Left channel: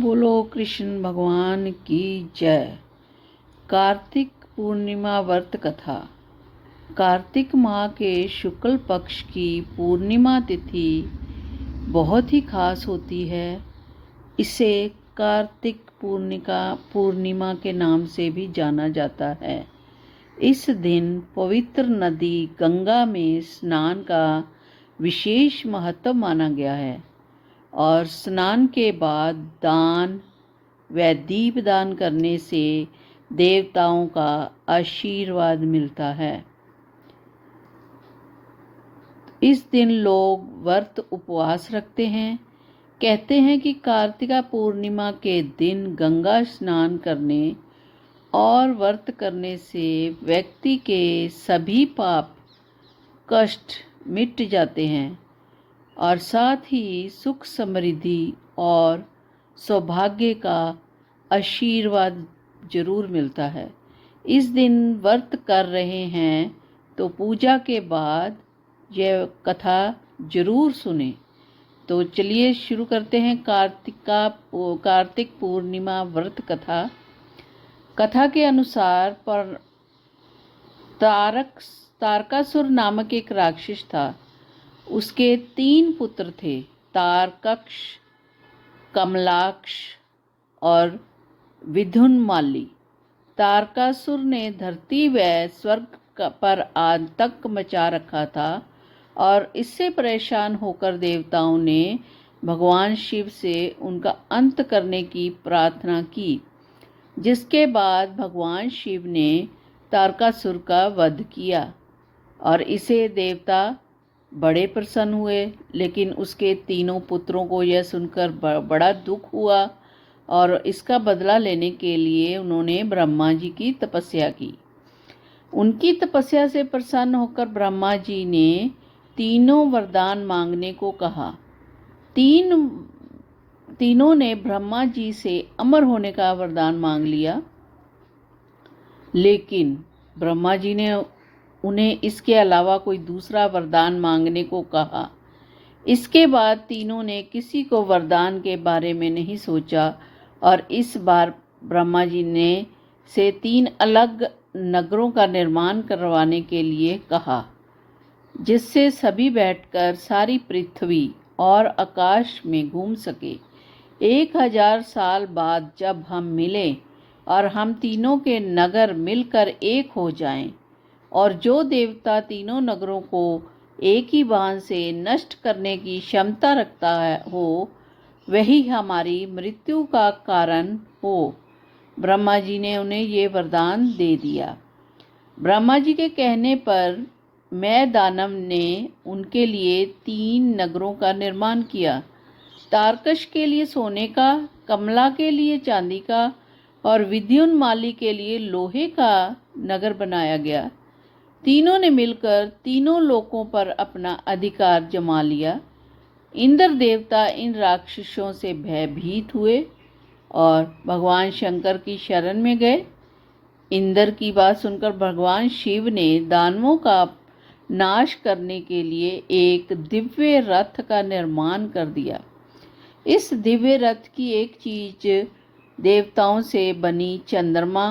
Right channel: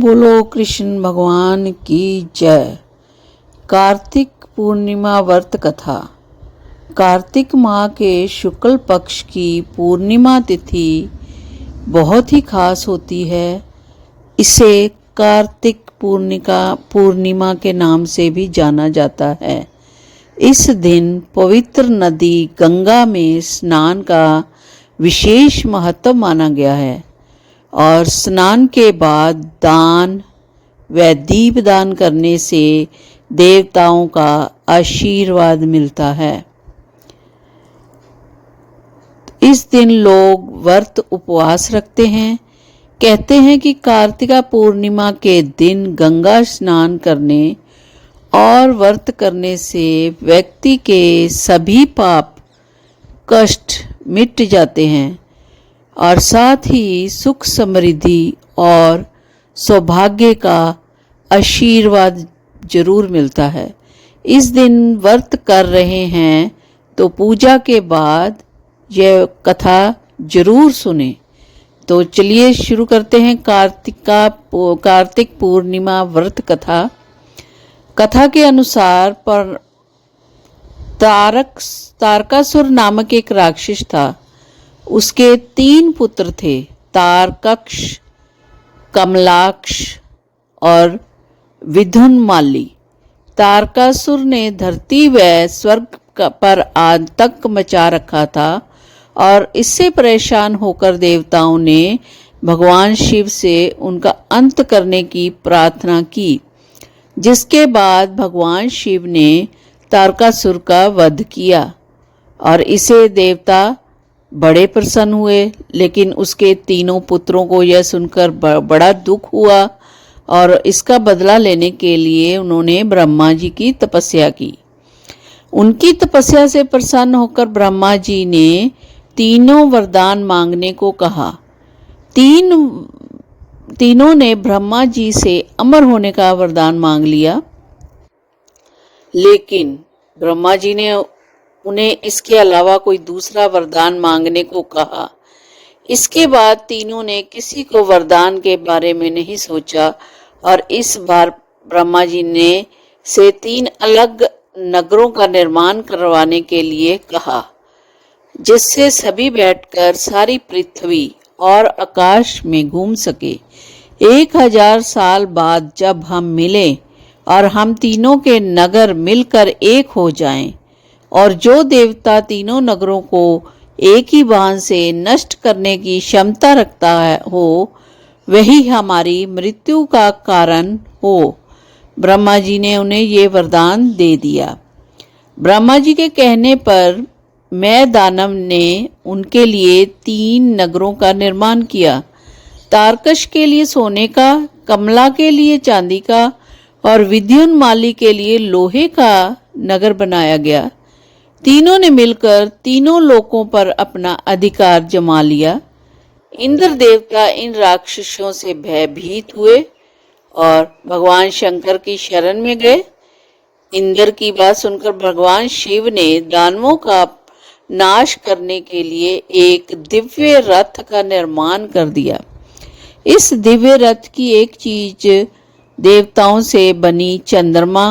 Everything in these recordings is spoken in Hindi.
बोलो कृष्ण भगवान की जय। कार्तिक पूर्णिमा व्रत कथा। कार्तिक माह के शुक्ल पक्ष की पूर्णिमा तिथि बहुत ही खास होती है। इसे कार्तिक पूर्णिमा के नाम से भी जाना जाता है। इस दिन पवित्र नदी गंगा में स्नान का विशेष महत्व माना गया है और स्नान के बाद दान व दीपदान करने से देवताओं का आशीर्वाद मिलता है। इस दिन लोग व्रत उपवास रखते हैं। कहते हैं कि कार्तिका पूर्णिमा के दिन गंगा स्नान करने और व्रत करने से व्यक्ति के सभी पाप कष्ट मिट जाते हैं और साथ ही सुख समृद्धि और सौभाग्य का आशीर्वाद जरूर मिलता है। इस दिन व्रत कर रहे हैं तो पूजा के बाद यह कथा जरूर सुने। तो चलिए शुरू करते हैं कार्तिक पूर्णिमा व्रत कथा। कथा के अनुसार पर तारकासुर नामक एक राक्षस था। उसके 3 पुत्र थे, तारकक्ष, कमलाक्ष और विधुनमाली। तारकासुर ने धरती व स्वर्ग पर आतंक मचा रखा था और इससे परेशान होकर देवताओं ने भगवान शिव से उनका अंत करने की प्रार्थना की, जिसके बाद भगवान शिव ने तारकासुर का वध किया और इसे देवता बड़े प्रसन्न हुए। लेकिन उसके 3 पुत्रों को यह सुनकर बड़ा दुख हुआ और इसका बदला लेने के लिए उन्होंने ब्रह्मा जी की तपस्या की। उनकी तपस्या से प्रसन्न होकर ब्रह्मा जी ने तीनों वरदान मांगने को कहा। तीनों ने ब्रह्मा जी से अमर होने का वरदान मांग लिया, लेकिन ब्रह्मा जी ने उन्हें इसके अलावा कोई दूसरा वरदान मांगने को कहा। इसके बाद तीनों ने किसी को वरदान के बारे में नहीं सोचा और इस बार ब्रह्मा जी ने से 3 अलग नगरों का निर्माण करवाने के लिए कहा, जिससे सभी बैठकर सारी पृथ्वी और आकाश में घूम सके। 1000 साल बाद जब हम मिलें और हम तीनों के नगर मिलकर एक हो जाएं और जो देवता तीनों नगरों को एक ही बाण से नष्ट करने की क्षमता रखता हो, वही हमारी मृत्यु का कारण हो। ब्रह्मा जी ने उन्हें ये वरदान दे दिया। ब्रह्मा जी के कहने पर मैं दानव ने उनके लिए 3 नगरों का निर्माण किया। तारकश के लिए सोने का, कमला के लिए चांदी का और विद्युन्माली के लिए लोहे का नगर बनाया गया। तीनों ने मिलकर तीनों लोकों पर अपना अधिकार जमा लिया। इंद्र देवता इन राक्षसों से भयभीत हुए और भगवान शंकर की शरण में गए। इंद्र की बात सुनकर भगवान शिव ने दानवों का नाश करने के लिए एक दिव्य रथ का निर्माण कर दिया। इस दिव्य रथ की एक चीज देवताओं से बनी चंद्रमा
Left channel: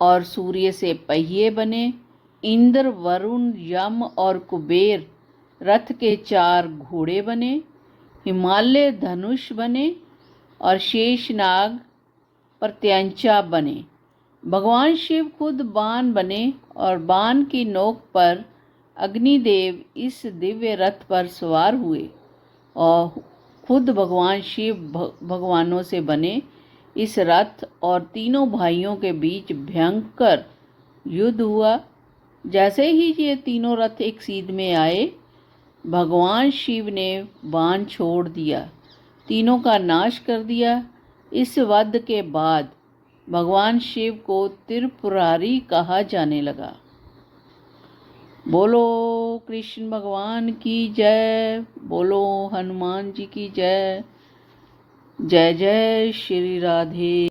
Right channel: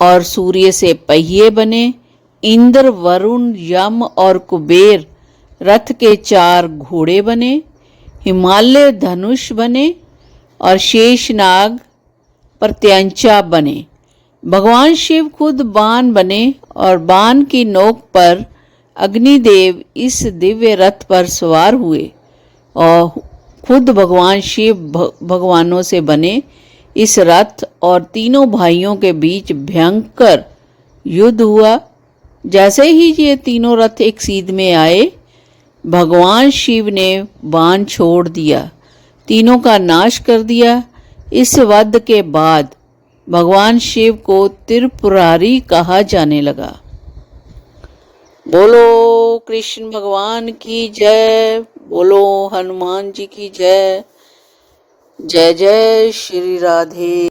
और सूर्य से पहिए बने। इंद्र, वरुण, यम और कुबेर रथ के 4 घोड़े बने। हिमालय धनुष बने और शेषनाग प्रत्यंचा बने। भगवान शिव खुद बाण बने और बाण की नोक पर अग्निदेव इस दिव्य रथ पर सवार हुए और खुद भगवान शिव भगवानों से बने। इस रथ और तीनों भाइयों के बीच भयंकर युद्ध हुआ। जैसे ही ये तीनों रथ एक सीध में आए, भगवान शिव ने बाण छोड़ दिया, तीनों का नाश कर दिया। इस वध के बाद भगवान शिव को त्रिपुरारी कहा जाने लगा। बोलो कृष्ण भगवान की जय। बोलो हनुमान जी की जय। जय जय श्री राधे।